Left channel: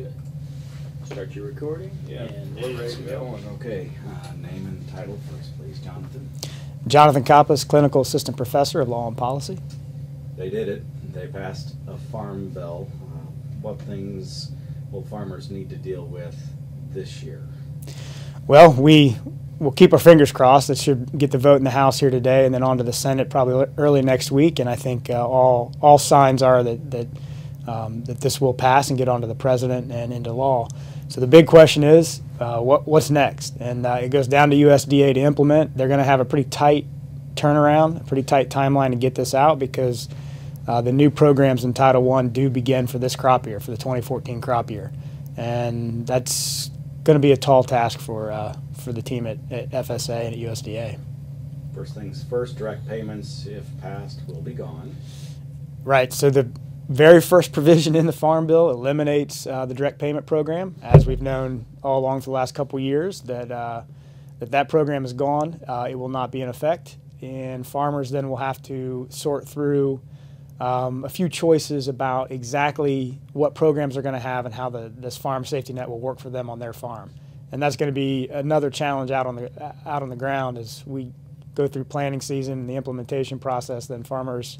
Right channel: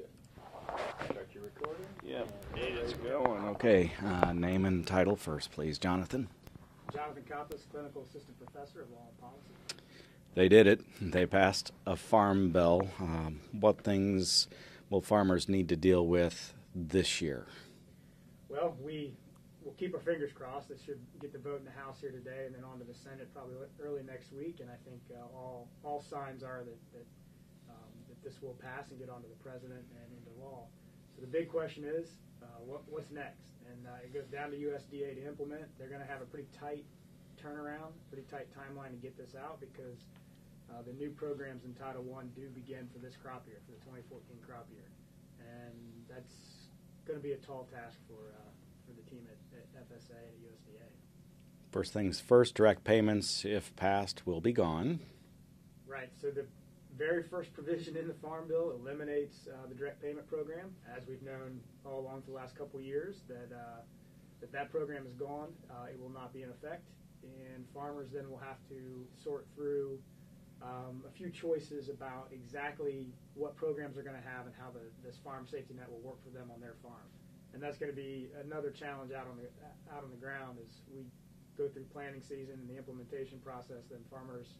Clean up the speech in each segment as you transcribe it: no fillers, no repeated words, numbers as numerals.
Good. Start your recording. Yeah. And it's going. Okay, name and title first, please, Jonathan. Jonathan Coppess, Clinical Assistant Professor of Law and Policy. They did it. They passed a farm bill. What things will farmers need to deal with this year? Well, we'll keep our fingers crossed. It should get the vote in the House here today and then on to the Senate probably early next week. And I think all signs are that this will pass and get onto the president and into law. So the big question is, what's next? And it goes down to USDA to implement. They're going to have a pretty tight turnaround, a pretty tight timeline to get this out because the new programs in Title I do begin for this crop year, for the 2014 crop year. And that's going to be a tall task for the team at FSA and at USDA. First things first, direct payments, if passed, will be gone. Right. So the very first provision in the Farm Bill eliminates the direct payment program, as we've known all along for the last couple of years that program is gone. It will not be in effect, and farmers then will have to sort through a few choices about exactly what programs they're going to have and how this farm safety net will work for them on their farm. And that's going to be another challenge out on the ground as we go through planting season and the implementation process. Then farmers,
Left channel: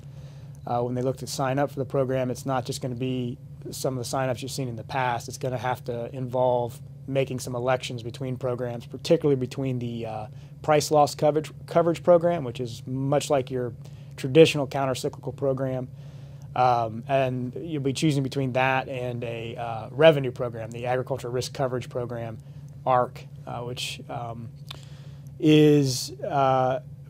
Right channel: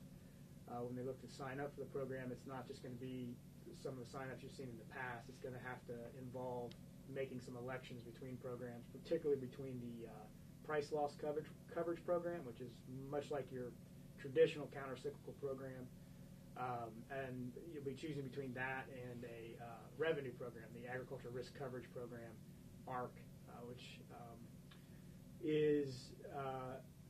when they look to sign up for the program, it's not just going to be some of the signups you've seen in the past. It's going to have to involve making some elections between programs, particularly between the price loss coverage program, which is much like your traditional countercyclical program, and you'll be choosing between that and a revenue program, the Agricultural Risk Coverage Program, ARC, which is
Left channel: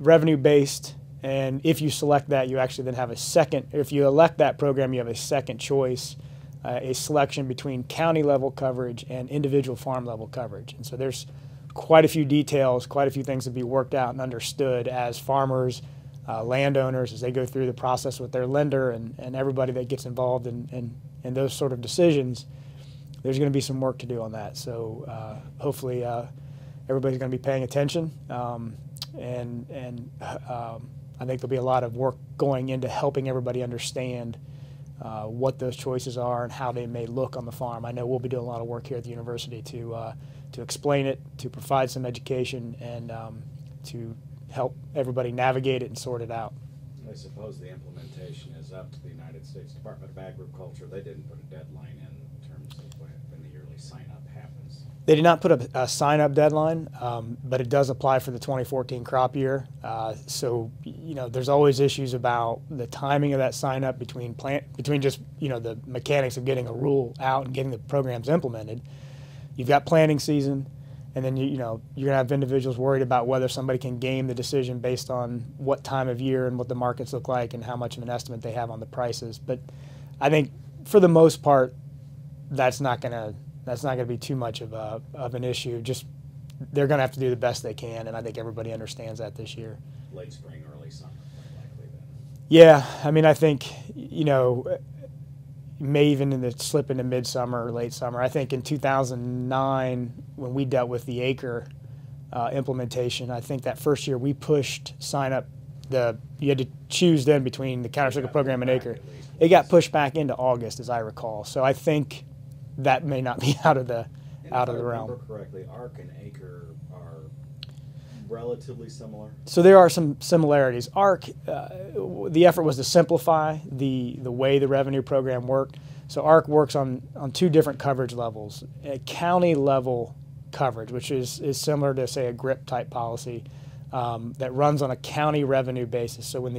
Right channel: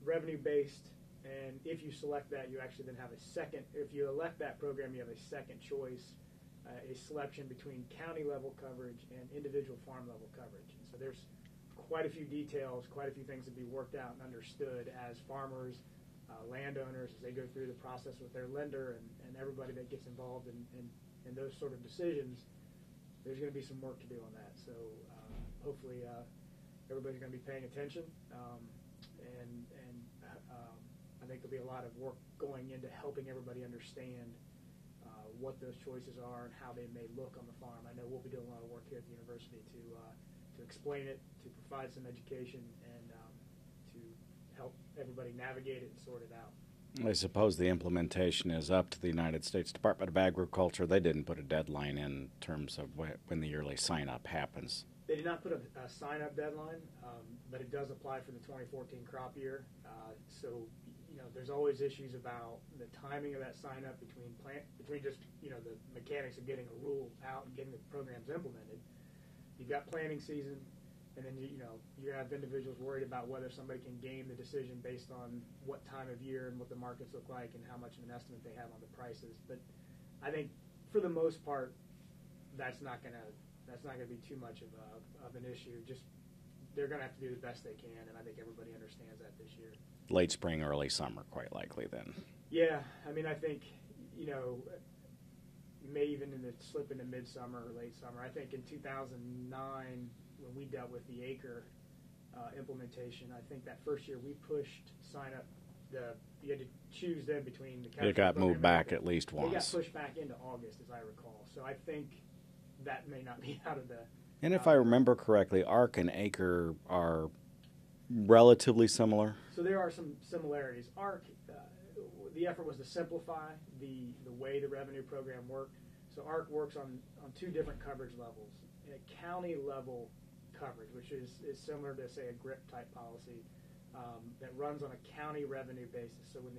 revenue-based. And if you select that, you actually then have a second. If you elect that program, you have a second choice, a selection between county-level coverage and individual farm-level coverage. And so there's quite a few details, quite a few things to be worked out and understood as farmers, landowners, as they go through the process with their lender and everybody that gets involved in those sort of decisions. There's going to be some work to do on that. So hopefully everybody's going to be paying attention, and I think there'll be a lot of work going into helping everybody understand what those choices are and how they may look on the farm. I know we'll be doing a lot of work here at the university to explain it, to provide some education, and to help everybody navigate it and sort it out. I suppose the implementation is up to the United States Department of Agriculture. They didn't put a deadline in terms of when the yearly sign-up happens. They did not put a sign-up deadline, but it does apply for the 2014 crop year. So, there's always issues about the timing of that sign-up between just, the mechanics of getting a rule out and getting the programs implemented. You've got planting season, and then you're going to have individuals worried about whether somebody can game the decision based on what time of year and what the markets look like and how much of an estimate they have on the prices. But I think for the most part, that's not going to be too much of an issue. Just they're going to have to do the best they can, and I think everybody understands that this year. Late spring, early summer, quite likely then. Yeah, I mean, I think may even slip into midsummer or late summer. I think in 2009, when we dealt with the acre implementation, I think that first year we pushed sign up. You had to choose then between the countercyclical program and acre. At least once. It got pushed back into August, as I recall. So I think that may not be out of the. And if I remember correctly, ARC and acre are relatively similar. So there are some similarities. ARC, the effort was to simplify the way the revenue program worked. So ARC works on two different coverage levels. A county level coverage, which is similar to, say, a GRIP type policy that runs on a county revenue basis. So when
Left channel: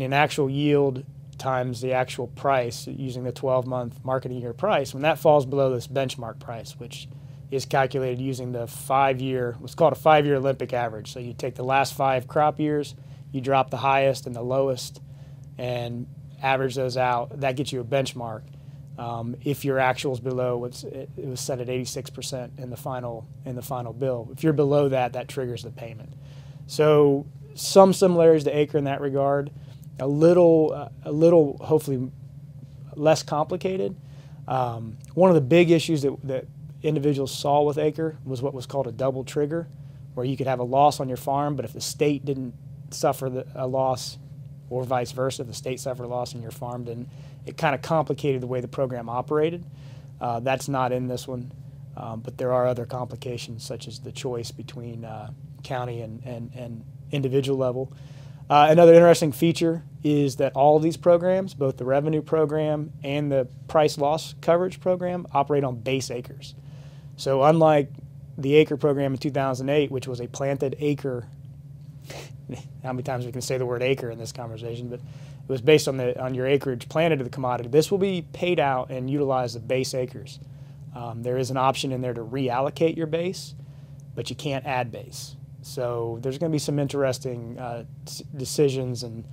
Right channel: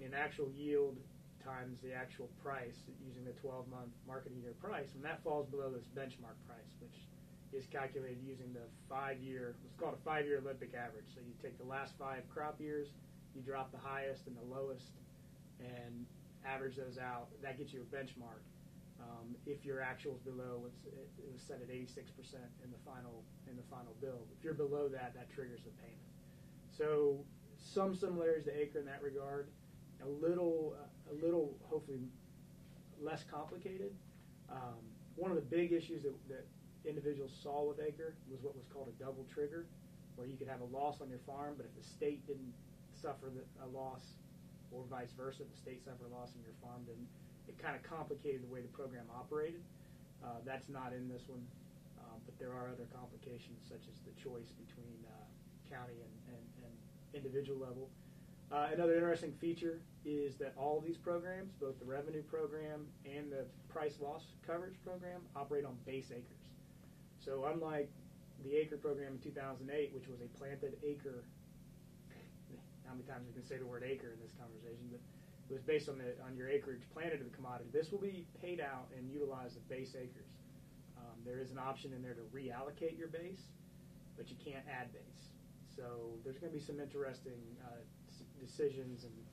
an actual yield times the actual price using the 12-month marketing year price, when that falls below this benchmark price, which is calculated using the 5-year, what's called a 5-year Olympic average. So you take the last 5 crop years, you drop the highest and the lowest, and average those out. That gets you a benchmark. If your actual is below, it was set at 86% in the final bill. If you're below that, that triggers the payment. So some similarities to acre in that regard. A little hopefully less complicated. One of the big issues that individuals saw with acre was what was called a double trigger, where you could have a loss on your farm, but if the state didn't suffer a loss, or vice versa, if the state suffered a loss on your farm, then it kind of complicated the way the program operated. That's not in this one, but there are other complications such as the choice between county and individual level. Another interesting feature is that all of these programs, both the revenue program and the price loss coverage program, operate on base acres. So unlike the acre program in 2008, which was a planted acre, how many times we can say the word acre in this conversation, but it was based on your acreage planted to the commodity. This will be paid out and utilize the base acres. There is an option in there to reallocate your base, but you can't add base. So there's going to be some interesting decisions, and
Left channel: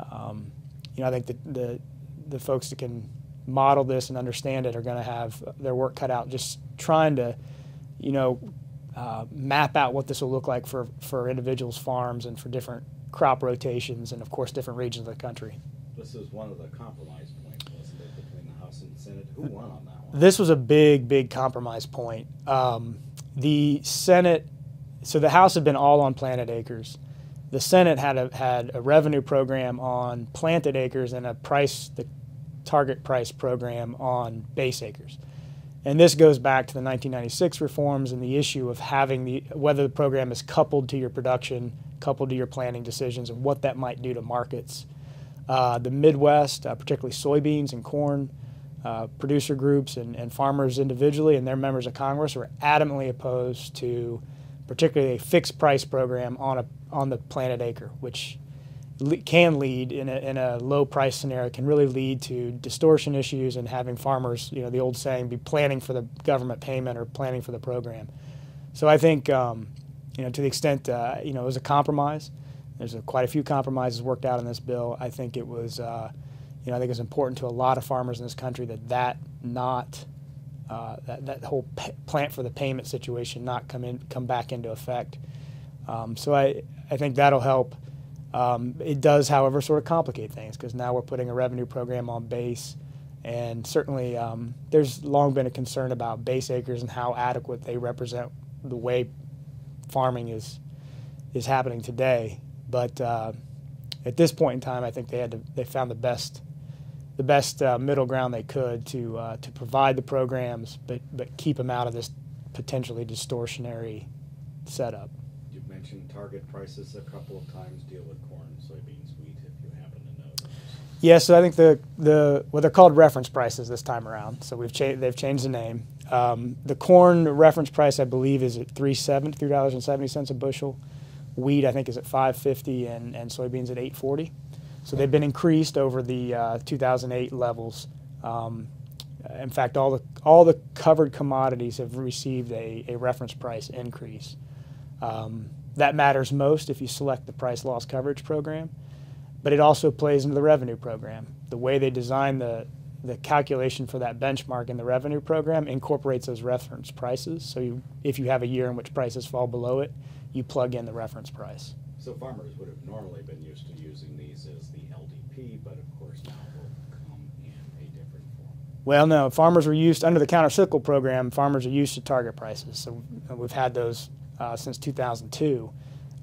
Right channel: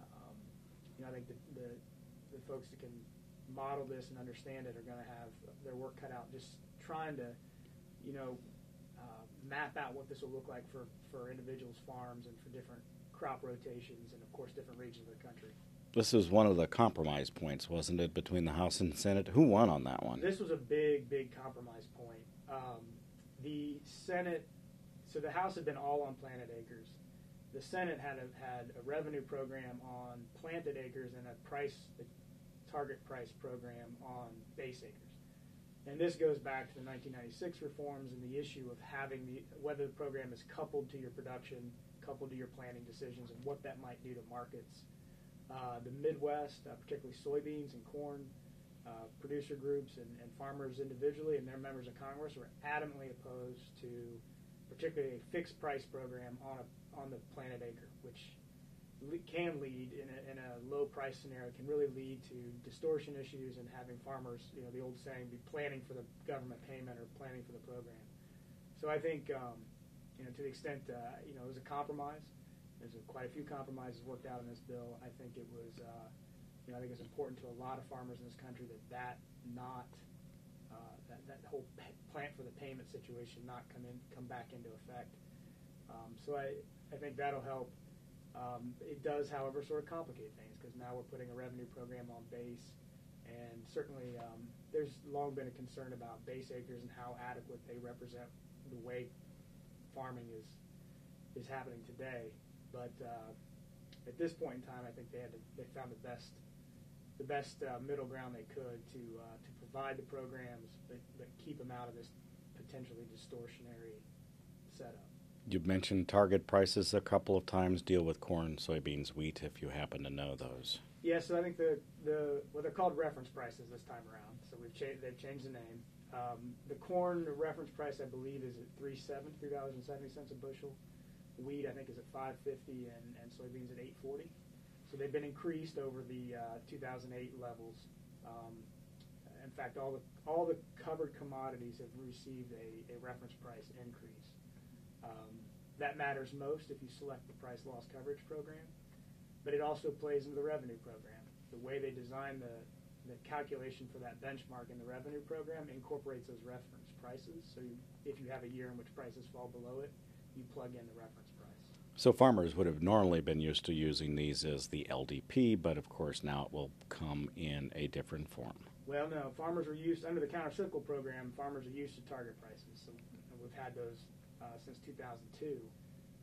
I think the folks that can model this and understand it are going to have their work cut out just trying to, map out what this will look like for individuals' farms and for different crop rotations and, of course, different regions of the country. This is one of the compromise points, wasn't it, between the House and Senate? Who won on that one? This was a big compromise point. The Senate. So the House had been all on planted acres. The Senate had a revenue program on planted acres and the target price program on base acres. And this goes back to the 1996 reforms and the issue of whether the program is coupled to your production, coupled to your planting decisions, and what that might do to markets. The Midwest, particularly soybeans and corn, producer groups and farmers individually and their members of Congress were adamantly opposed to particularly a fixed price program on the planted acre, which can lead in a low price scenario, can really lead to distortion issues and having farmers, the old saying, be planning for the government payment or planning for the program. So I think, to the extent, it was a compromise. There's quite a few compromises worked out in this bill. I think it was, I think it's important to a lot of farmers in this country that whole plant for the payment situation not come back into effect. So I think that'll help. It does, however, sort of complicate things because now we're putting a revenue program on base, and certainly there's long been a concern about base acres and how adequate they represent the way farming is happening today. But at this point in time, I think they found the best middle ground they could to provide the programs, but keep them out of this potentially distortionary setup. You've mentioned target prices a couple of times. Deal with corn, soybeans, wheat, if you happen to know those. Yeah, so I think they're called reference prices this time around. So they've changed the name. The corn reference price, I believe, is at $3.70 a bushel. Wheat, I think, is at $5.50, and soybeans at $8.40. So they've been increased over the 2008 levels. In fact, all the covered commodities have received a reference price increase. That matters most if you select the price loss coverage program, but it also plays into the revenue program. The way they design the calculation for that benchmark in the revenue program incorporates those reference prices. So if you have a year in which prices fall below it, you plug in the reference price. So farmers would have normally been used to using these as the LDP, but of course now it will come in a different form. Well, no, farmers were used, under the countercyclical program, farmers are used to target prices. So we've had those since 2002.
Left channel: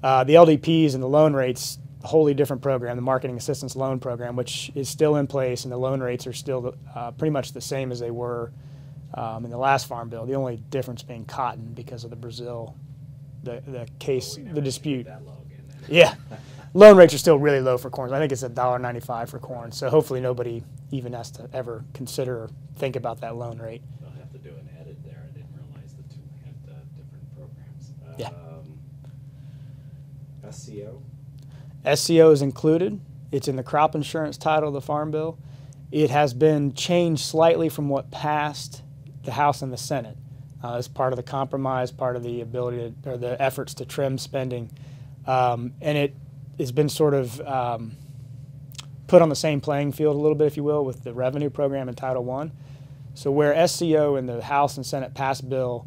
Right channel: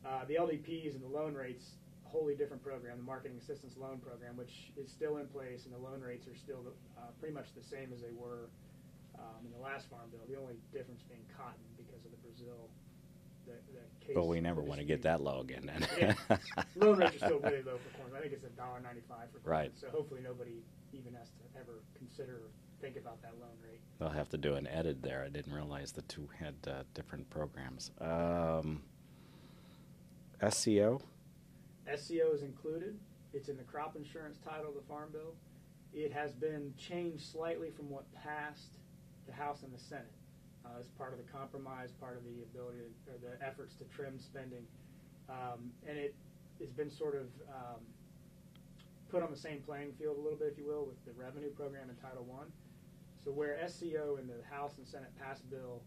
The LDPs and the loan rates, a wholly different program, the Marketing Assistance Loan Program, which is still in place, and the loan rates are still pretty much the same as they were in the last Farm Bill. The only difference being cotton because of the Brazil, the case, we never the dispute. Get that low again then. Yeah, loan rates are still really low for corn. I think it's $1.95 for corn. Right. So hopefully nobody even has to ever consider or think about that loan rate. We'll have to do an edit there. I didn't realize the two had different programs. SCO? SCO is included. It's in the crop insurance title of the Farm Bill. It has been changed slightly from what passed the House and the Senate. As part of the compromise, part of the ability to, or the efforts to trim spending. And it has been sort of put on the same playing field a little bit, if you will, with the revenue program in Title I. So where SCO in the House and Senate passed bill,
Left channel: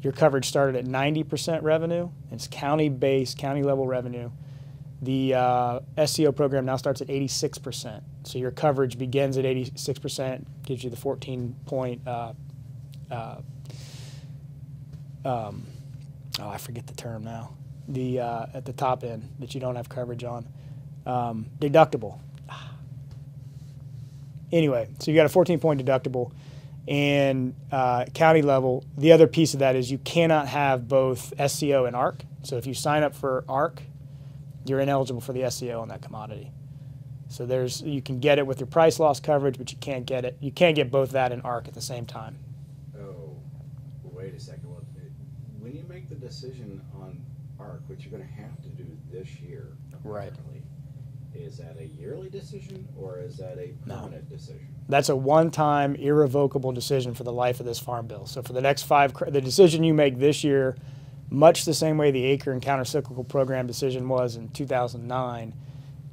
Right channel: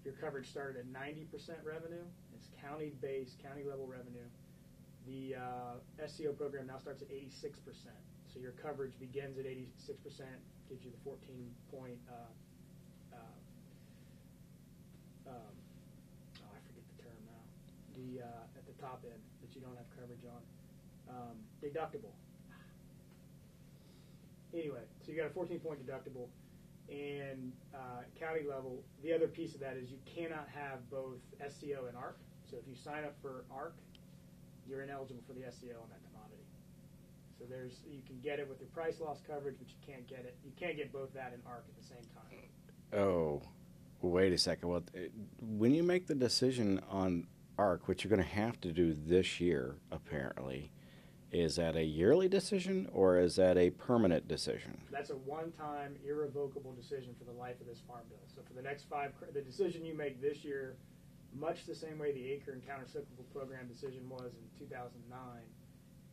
your coverage started at 90% revenue. It's county-based, county-level revenue. The SCO program now starts at 86%. So your coverage begins at 86%, gives you the 14-point I forget the term now. The at the top end that you don't have coverage on. Deductible. Anyway, so you got a 14-point deductible, And county level, the other piece of that is you cannot have both SCO and ARC. So if you sign up for ARC, you're ineligible for the SCO on that commodity. So you can get it with your price loss coverage, but you can't get both that and ARC at the same time. Oh, wait a second. Well, when you make the decision on ARC, which you're going to have to do this year, apparently, is that a yearly decision or is that a permanent decision? That's a one-time, irrevocable decision for the life of this farm bill. So for the next the decision you make this year, much the same way the acre and countercyclical program decision was in 2009,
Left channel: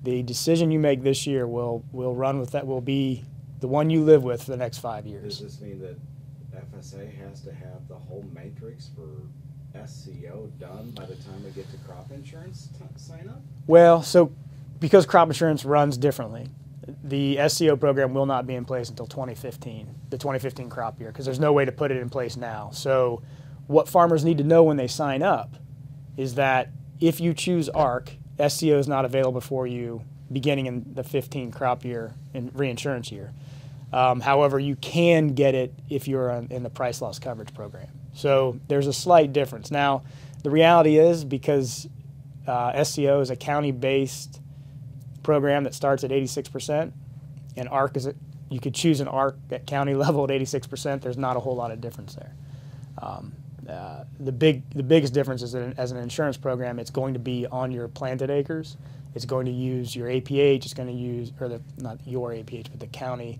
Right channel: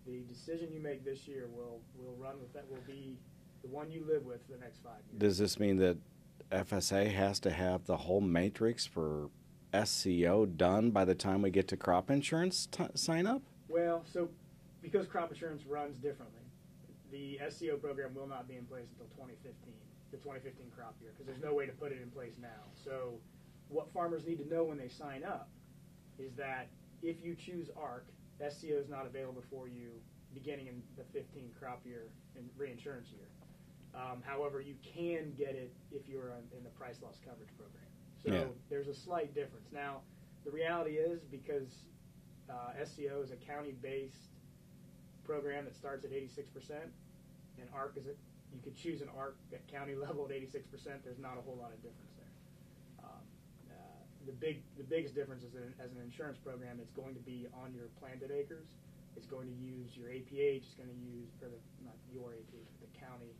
the decision you make this year will run with that, will be the one you live with for the next 5 years. Does this mean that FSA has to have the whole matrix for SCO done by the time we get to crop insurance sign up? Well, so because crop insurance runs differently, the SCO program will not be in place until 2015, the 2015 crop year, because there's no way to put it in place now. So what farmers need to know when they sign up is that if you choose ARC, SCO is not available for you beginning in the 15 crop year and reinsurance year. However, you can get it if you're in the price loss coverage program. So there's a slight difference. Now, the reality is because SCO is a county-based program that starts at 86%, and ARC you could choose an ARC at county level at 86%. There's not a whole lot of difference there. The biggest difference is that as an insurance program, it's going to be on your planted acres. It's going to use your APH. It's going to use, not your APH, but the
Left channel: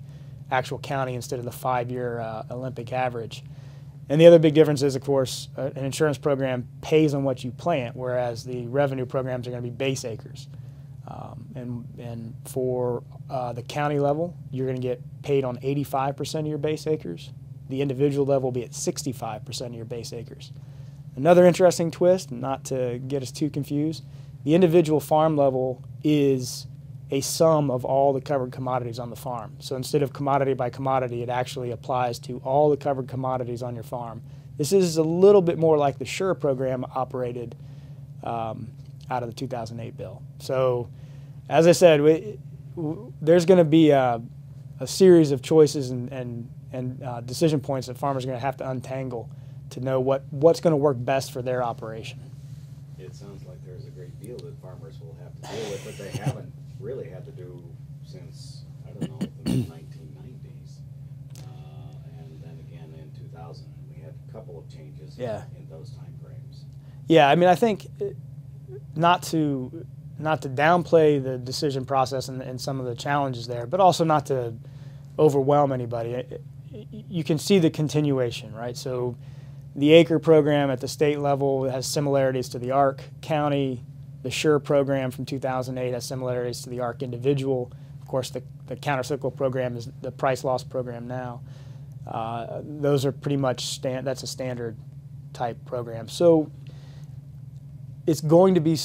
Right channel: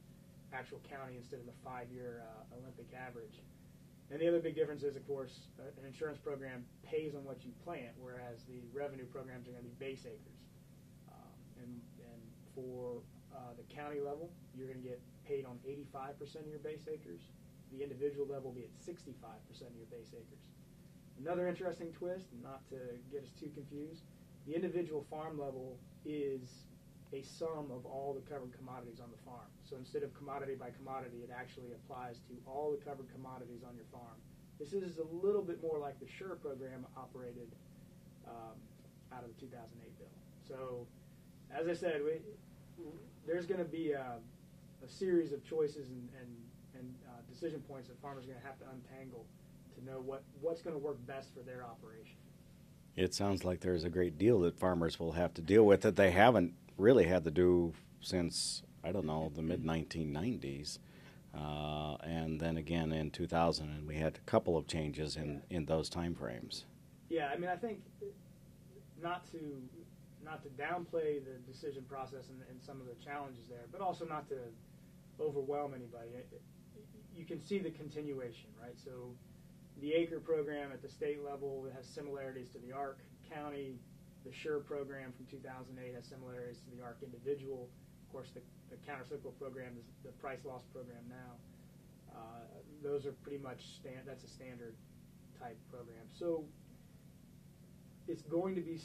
actual county instead of the 5-year Olympic average. And the other big difference is, of course, an insurance program pays on what you plant, whereas the revenue programs are going to be base acres. And for the county level, you're going to get paid on 85% of your base acres. The individual level will be at 65% of your base acres. Another interesting twist, not to get us too confused, the individual farm level is a sum of all the covered commodities on the farm. So instead of commodity by commodity, it actually applies to all the covered commodities on your farm. This is a little bit more like the SURE program operated out of the 2008 bill. So as I said, there's going to be a series of choices and decision points that farmers are going to have to untangle to know what's going to work best for their operation. It sounds like there's a great deal that farmers will have to deal with that they haven't really had to do since, I don't know, the mid-1990s. And then again in 2000, and we had a couple of changes in those time frames. Yeah, I mean, I think not to downplay the decision process and some of the challenges there, but also not to overwhelm anybody. You can see the continuation, right? So the acre program at the state level has similarities to the ARC county. The SURE program from 2008 has similarities to the ARC individual. Of course, the countercyclical program is the price loss program now. Those are pretty much that's a standard type program. So it's going to be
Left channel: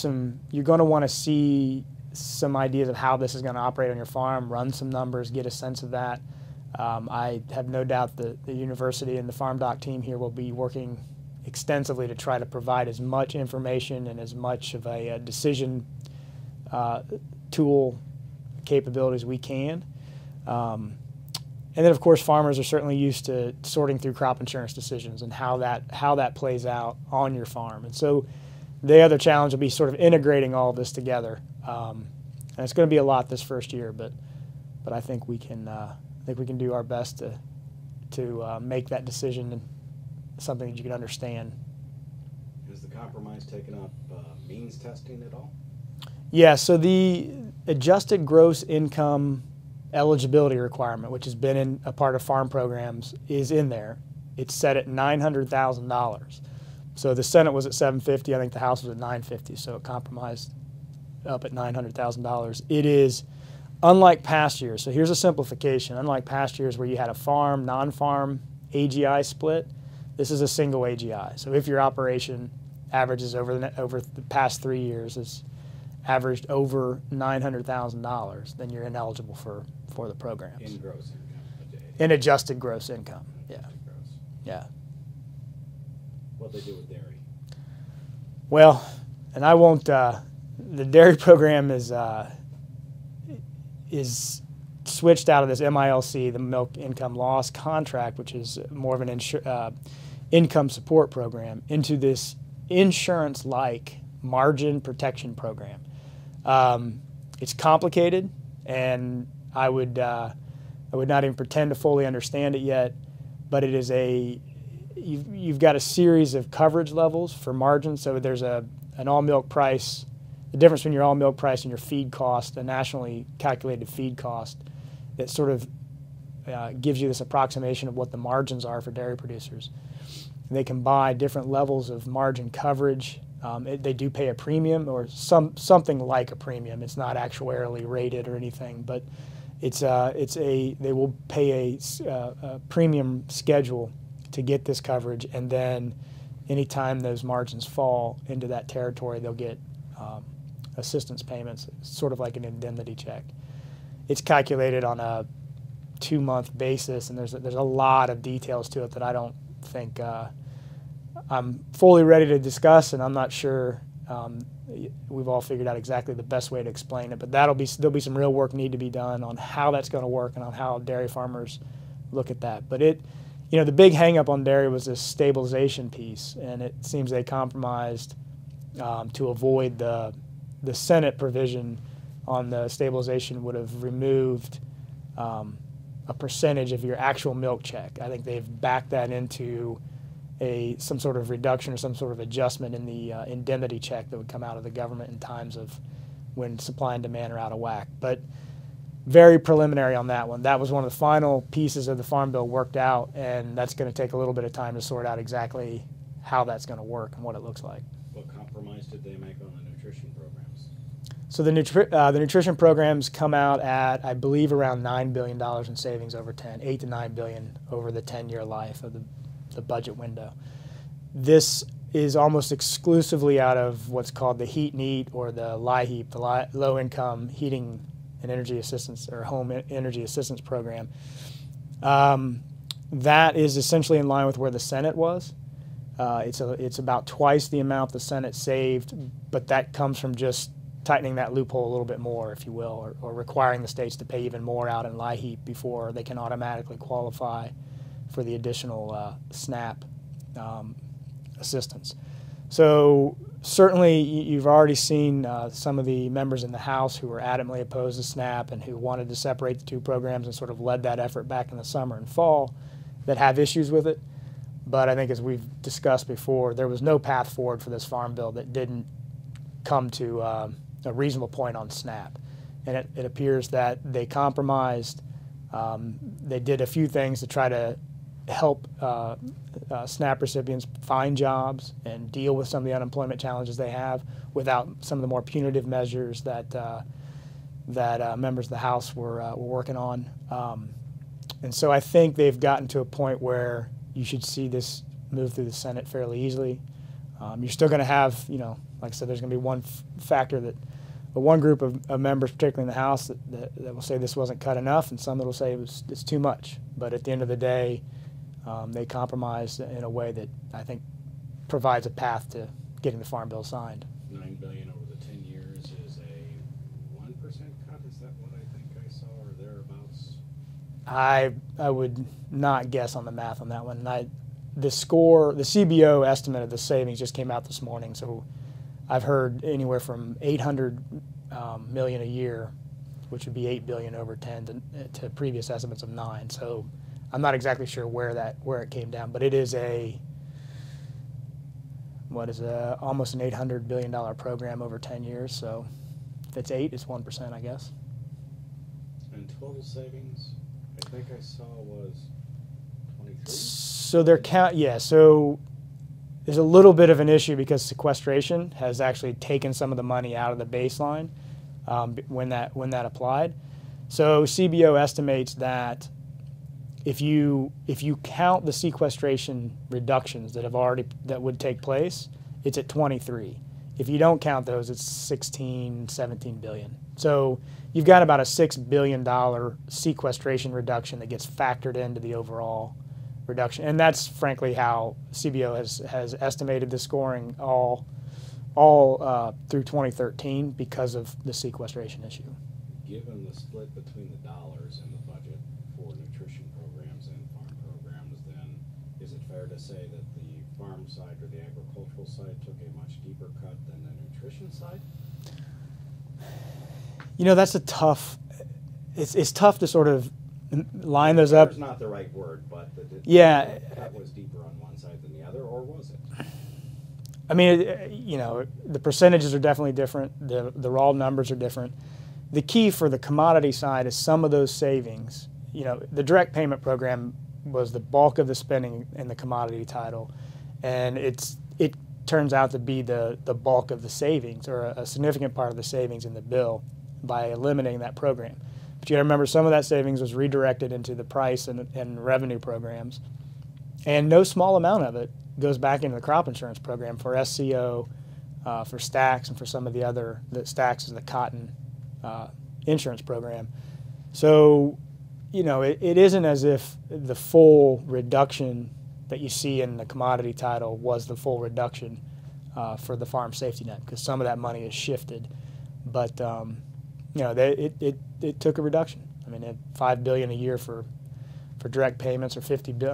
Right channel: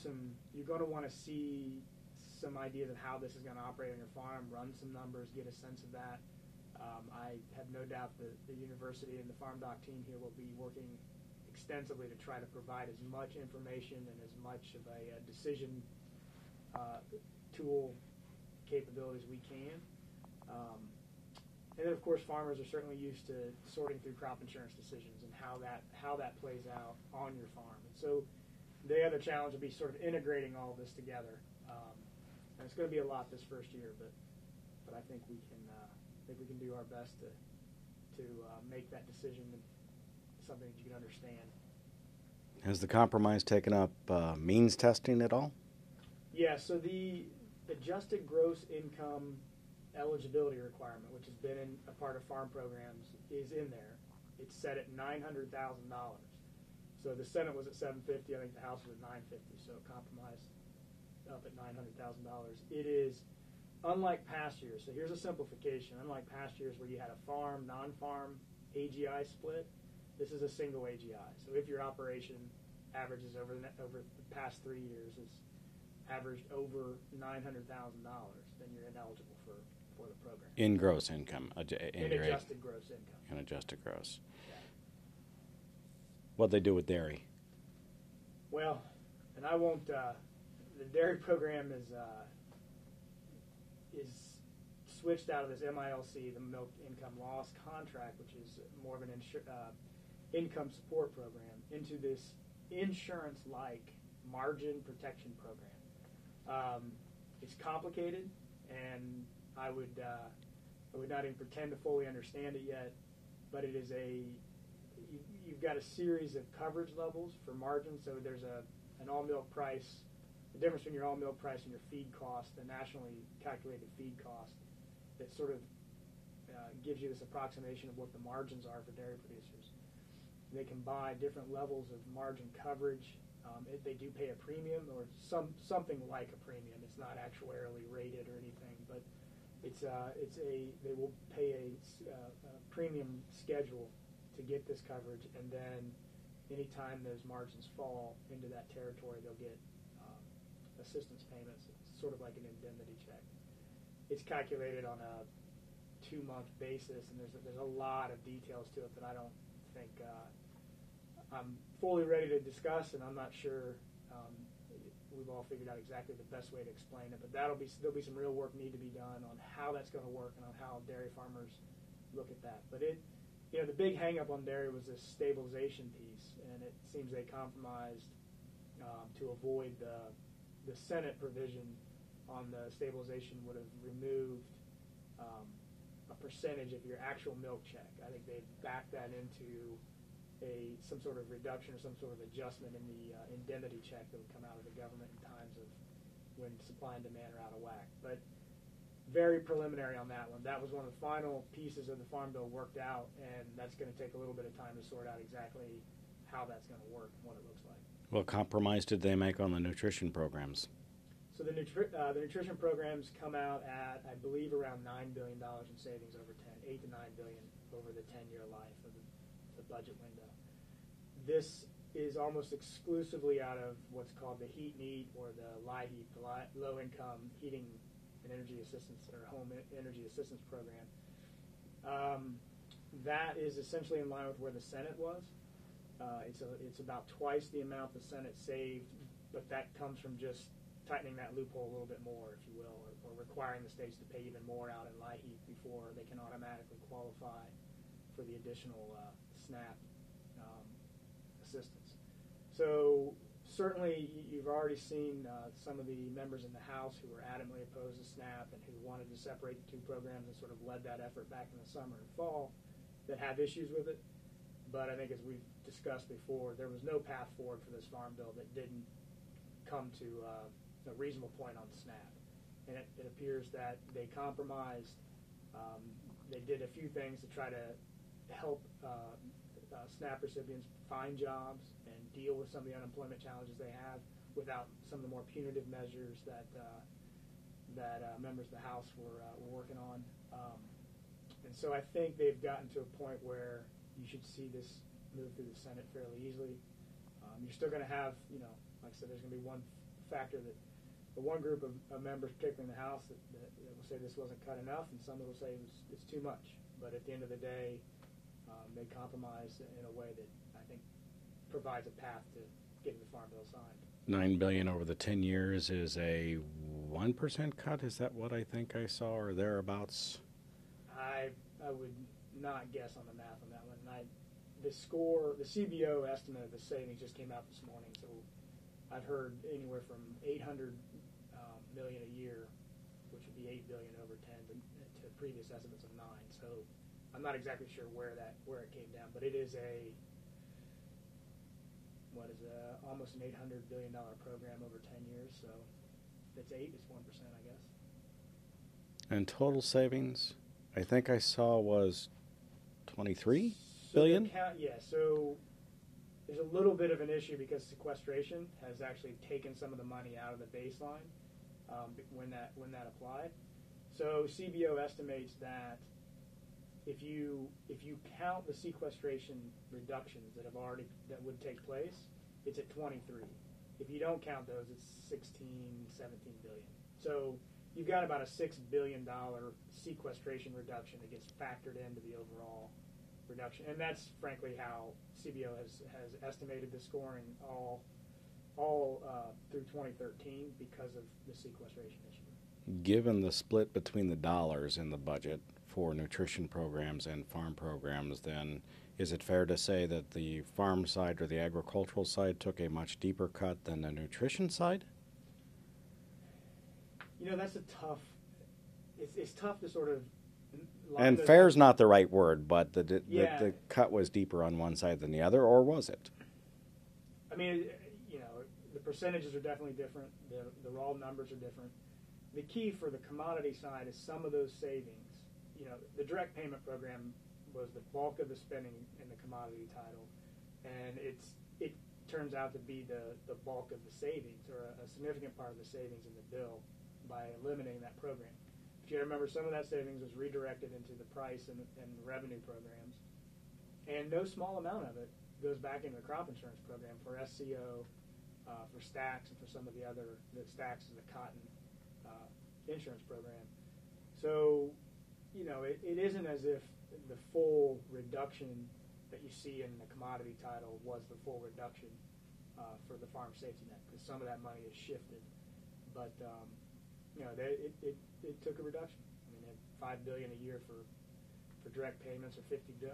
you're going to want to see some ideas of how this is going to operate on your farm, run some numbers, get a sense of that. I have no doubt that the university and the farm doc team here will be working extensively to try to provide as much information and as much of a decision tool capabilities we can. And then, of course, farmers are certainly used to sorting through crop insurance decisions and how that plays out on your farm. And so the other challenge will be sort of integrating all of this together. And it's going to be a lot this first year, but I think we can do our best to make that decision something that you can understand. Has the compromise taken up means testing at all? Yeah, so the adjusted gross income eligibility requirement, which has been a part of farm programs, is in there. It's set at $900,000. So the Senate was at $750,000. I think the House was at $950,000. So it compromised up at $900,000. It is unlike past years. So here's a simplification. Unlike past years where you had a farm, non-farm AGI split, this is a single AGI. So if your operation averages over the past 3 years is averaged over $900,000, then you're ineligible for the program. In gross income. In adjusted gross income. In adjusted gross. Yeah. What they do with dairy? Well, and I won't. The dairy program is switched out of this MILC, the Milk Income Loss Contract, which is more of an income support program, into this insurance-like margin protection program. It's complicated, and I would not even pretend to fully understand it yet, but it is you've got a series of coverage levels for margins. So there's an all milk price, the difference between your all milk price and your feed cost, a nationally calculated feed cost that sort of gives you this approximation of what the margins are for dairy producers. They can buy different levels of margin coverage. They do pay a premium or something like a premium. It's not actuarially rated or anything, but they will pay a premium schedule to get this coverage, and then anytime those margins fall into that territory, they'll get assistance payments, sort of like an indemnity check. It's calculated on a 2-month basis, and there's a lot of details to it that I don't think I'm fully ready to discuss, and I'm not sure we've all figured out exactly the best way to explain it. But there'll be some real work need to be done on how that's going to work and on how dairy farmers look at that. But the big hang-up on dairy was this stabilization piece, and it seems they compromised to avoid the Senate provision on the stabilization would have removed a percentage of your actual milk check. I think they've backed that into some sort of reduction or some sort of adjustment in the indemnity check that would come out of the government in times of when supply and demand are out of whack. But very preliminary on that one. That was one of the final pieces of the Farm Bill worked out, and that's going to take a little bit of time to sort out exactly how that's going to work and what it looks like. What compromise did they make on the nutrition programs? So the nutrition programs come out at, I believe, around $9 billion in savings over 8 to $9 billion over the 10-year life of the budget window. This is almost exclusively out of what's called the Heat and Eat, or the LIHEAP, the Low-Income Heating and Energy Assistance, or Home Energy Assistance Program. That is essentially in line with where the Senate was. It's about twice the amount the Senate saved, but that comes from just tightening that loophole a little bit more, if you will, or requiring the states to pay even more out in LIHEAP before they can automatically qualify for the additional SNAP assistance. So certainly you've already seen some of the members in the House who were adamantly opposed to SNAP and who wanted to separate the two programs and sort of led that effort back in the summer and fall that have issues with it. But I think, as we've discussed before, there was no path forward for this Farm Bill that didn't come to a reasonable point on SNAP. And it appears that they compromised. They did a few things to try to help SNAP recipients find jobs and deal with some of the unemployment challenges they have without some of the more punitive measures that members of the House were working on. And so I think they've gotten to a point where you should see this move through the Senate fairly easily. You're still going to have, like I said, there's going to be one group of members, particularly in the House, that will say this wasn't cut enough, and some that will say it's too much. But at the end of the day, they compromised in a way that I think provides a path to getting the Farm Bill signed. $9 billion over the 10 years is a 1% cut. Is that what I think I saw, or thereabouts? I would not guess on the math on that one. The CBO estimate of the savings just came out this morning, so I've heard anywhere from $800 million a year, which would be $8 billion over 10, to previous estimates of 9. So I'm not exactly sure where it came down, but it is almost an $800 billion program over 10 years. So if it's 8, it's 1%, I guess. And total savings, I think I saw, was 23. So So there's a little bit of an issue because sequestration has actually taken some of the money out of the baseline when that applied. So CBO estimates that if you count the sequestration reductions that would take place, it's at 23. If you don't count those, it's 16, 17 billion. So you've got about a $6 billion sequestration reduction that gets factored into the overall reduction, and that's frankly how CBO has estimated the scoring all through 2013 because of the sequestration issue. Given the split between the dollars in the budget for nutrition programs and farm programs, then is it fair to say that the farm side or the agricultural side took a much deeper cut than the nutrition side? You know, that's a tough, it's tough to sort of line And those fair up. is not the right word, but the cut was deeper on one side than the other, or was it? I mean, you know, the percentages are definitely different. The raw numbers are different. The key for the commodity side is some of those savings. You know, the direct payment program was the bulk of the spending in the commodity title, and it turns out to be the bulk of the savings, or a significant part of the savings in the bill, by eliminating that program. But you got to remember, some of that savings was redirected into the price and revenue programs, and no small amount of it goes back into the crop insurance program for SCO, for Stax, and for some of the other, Stax is the cotton insurance program. So, you know, it isn't as if the full reduction that you see in the commodity title was the full reduction for the farm safety net, because some of that money is shifted. But, you know, it took a reduction. I mean, at $5 billion a year for direct payments, or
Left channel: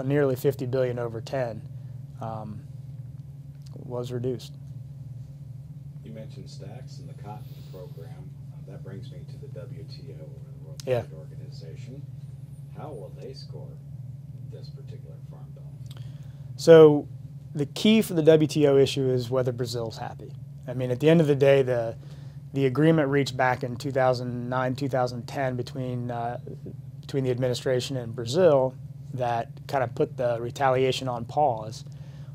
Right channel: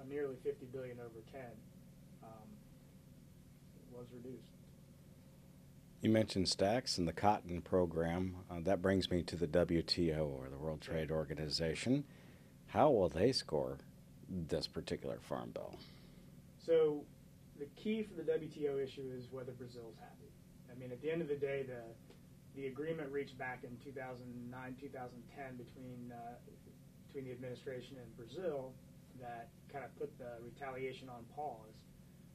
nearly $50 billion over 10, was reduced. You mentioned Stax and the cotton program. That brings me to the WTO, or the World Trade Organization. How will they score this particular farm bill? So the key for the WTO issue is whether Brazil's happy. I mean, at the end of the day, the agreement reached back in 2009, 2010 between the administration and Brazil that kind of put the retaliation on pause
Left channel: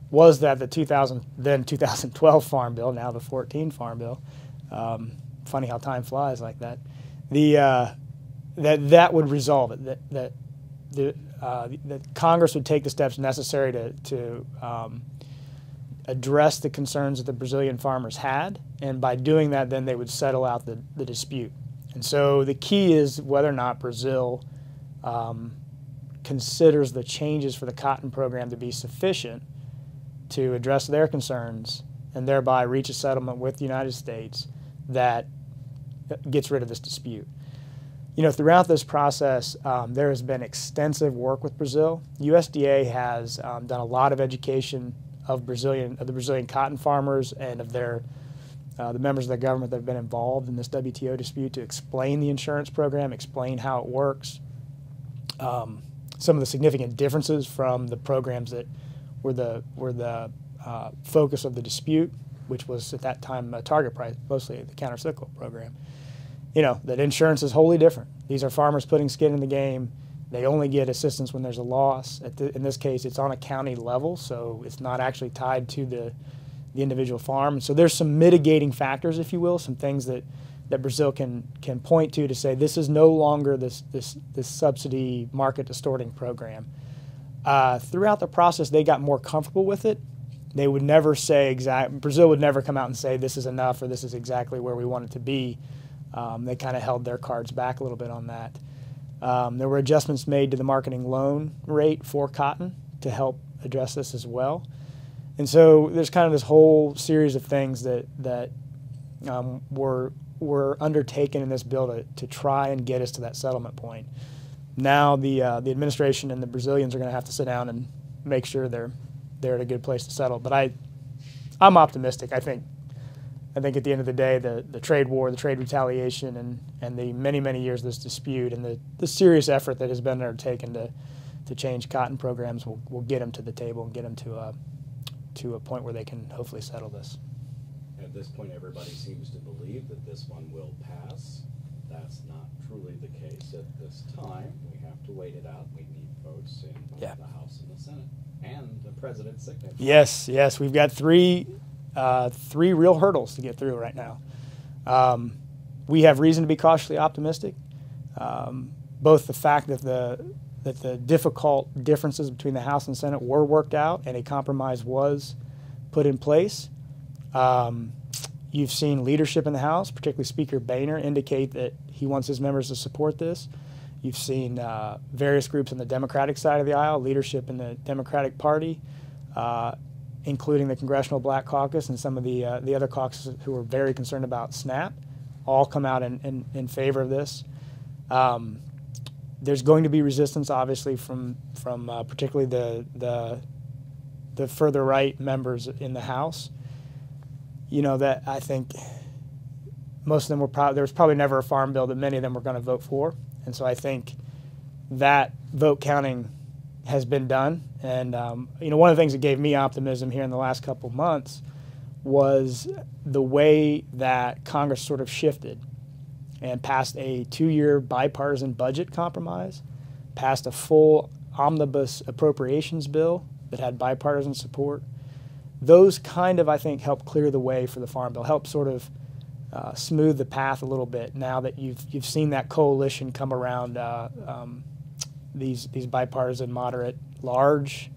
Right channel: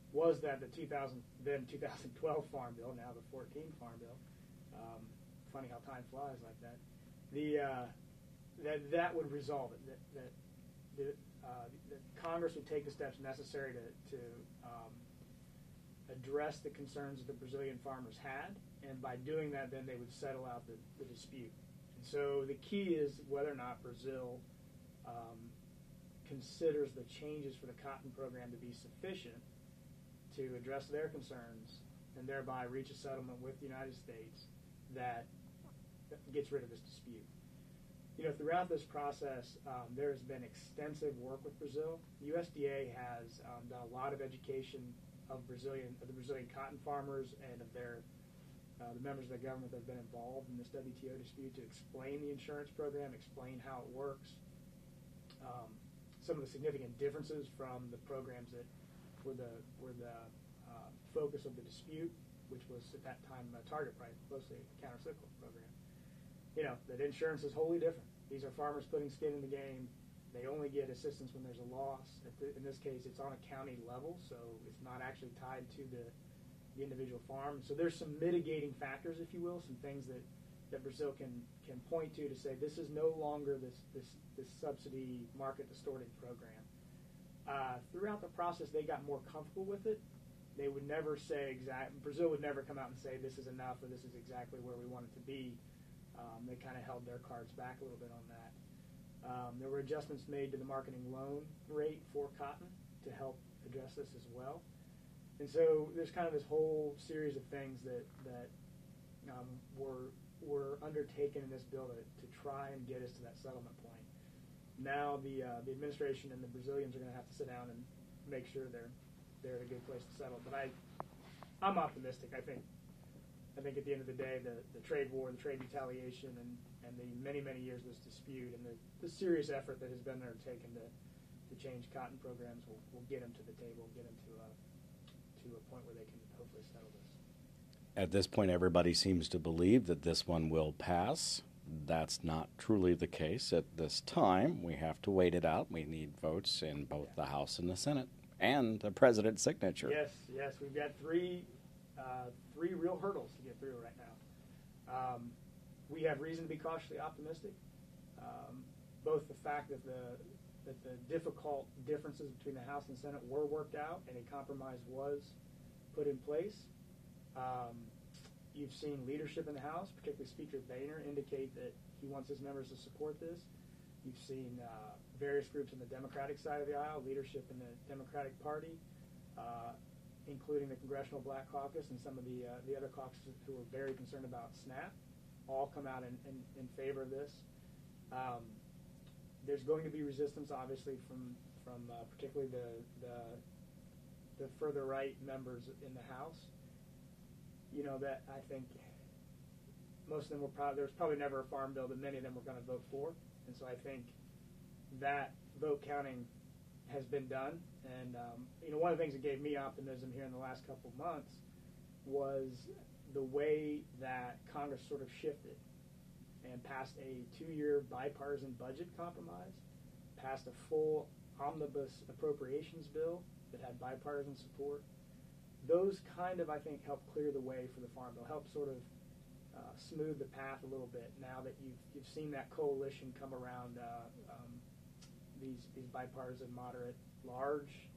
was that the 2012 Farm Bill, now the 14 Farm Bill, funny how time flies like that, that would resolve it, that Congress would take the steps necessary to address the concerns that the Brazilian farmers had, and by doing that, then they would settle out the dispute. And so the key is whether or not Brazil considers the changes for the cotton program to be sufficient to address their concerns and thereby reach a settlement with the United States that gets rid of this dispute. You know, throughout this process, there has been extensive work with Brazil. USDA has done a lot of education of the Brazilian cotton farmers and of the members of the government that have been involved in this WTO dispute, to explain the insurance program, explain how it works, some of the significant differences from the programs that were the focus of the dispute, which was at that time a target price, mostly the countercyclical program. You know, that insurance is wholly different. These are farmers putting skin in the game. They only get assistance when there's a loss. In this case, it's on a county level, so it's not actually tied to the individual farm. So there's some mitigating factors, if you will, some things that Brazil can point to say this is no longer this subsidy market distorting program. Throughout the process, they got more comfortable with it. They would never say Brazil would never come out and say this is enough or this is exactly where we want it to be. They kind of held their cards back a little bit on that. There were adjustments made to the marketing loan rate for cotton to help address this as well. And so there's kind of this whole series of things that were undertaken in this bill to try and get us to that settlement point. Now the administration and the Brazilians are going to have to sit down and make sure they're at a good place to settle. But I'm optimistic. I think at the end of the day, the trade war, the trade retaliation, and the many years of this dispute, and the serious effort that has been undertaken to change cotton programs will get them to the table and get them to a point where they can hopefully settle this. At this point, everybody seems to believe that this one will pass. That's not truly the case at this time. We have to wait it out. We need votes in both the House and the Senate, and the president's signature. Yes, we've got three real hurdles to get through right now. We have reason to be cautiously optimistic. Both the fact that the difficult differences between the House and Senate were worked out and a compromise was put in place. You've seen leadership in the House, particularly Speaker Boehner, indicate that he wants his members to support this. You've seen various groups on the Democratic side of the aisle, leadership in the Democratic Party, including the Congressional Black Caucus and some of the other caucuses who are very concerned about SNAP, all come out in favor of this. There's going to be resistance, obviously, from particularly the further right members in the House. You know, that I think most of them were there was probably never a farm bill that many of them were going to vote for, and so I think that vote counting has been done. And you know, one of the things that gave me optimism here in the last couple of months was the way that Congress sort of shifted and passed a 2-year bipartisan budget compromise, passed a full omnibus appropriations bill that had bipartisan support. Those kind of, I think, help clear the way for the Farm Bill, help sort of smooth the path a little bit now that you've seen that coalition come around these bipartisan, moderate, large,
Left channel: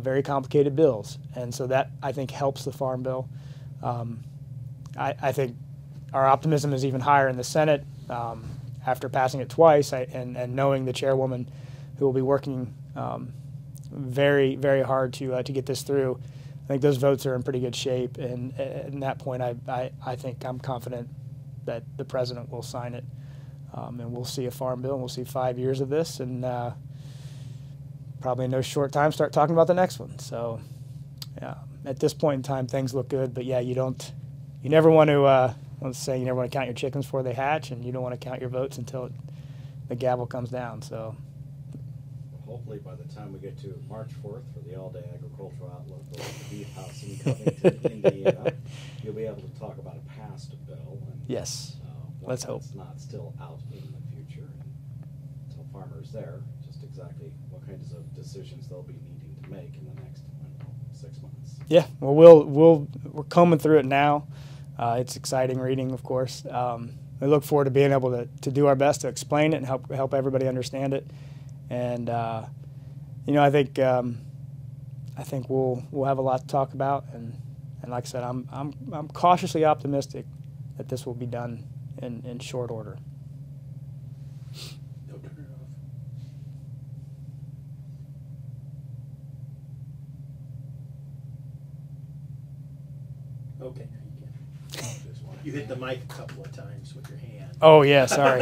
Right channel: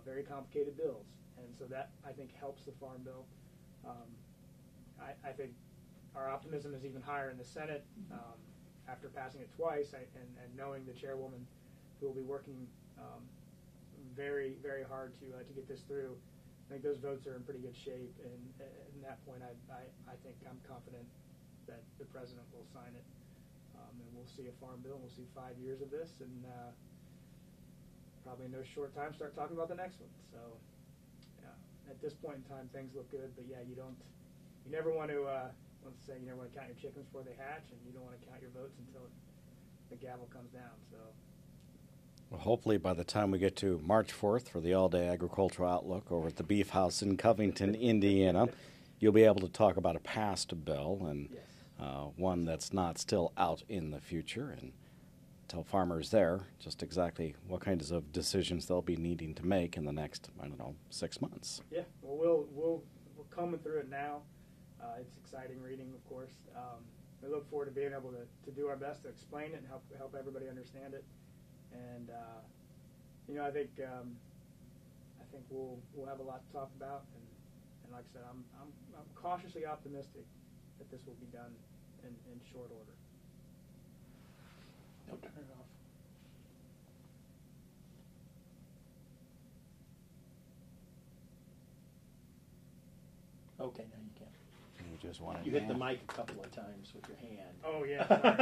very complicated bills. And so that, I think, helps the Farm Bill. I think our optimism is even higher in the Senate after passing it twice and knowing the chairwoman who will be working very, very hard to get this through. I think those votes are in pretty good shape, and at that point I think I'm confident that the president will sign it, and we'll see a Farm Bill, and we'll see 5 years of this, and probably in no short time start talking about the next one. So at this point in time, things look good, but yeah, you never want to, let's say you never want to count your chickens before they hatch, and you don't want to count your votes until the gavel comes down. So hopefully by the time we get to March 4th for the all-day agricultural outlook over at the Beef House in Covington, Indiana, you'll be able to talk about a passed bill and yes, one that's not still out in the future, and tell farmers there just exactly what kinds of decisions they'll be needing to make in the next, I don't know, 6 months. Yeah, well, we're combing through it now. It's exciting reading, of course. We look forward to being able to do our best to explain it and help everybody understand it. And you know, I think we'll have a lot to talk about. And like I said, I'm cautiously optimistic that this will be done in short order. No, turn it off. Okay, now you can. Just wanted You hit to- the mic a couple of times with your hand. Oh yeah, sorry.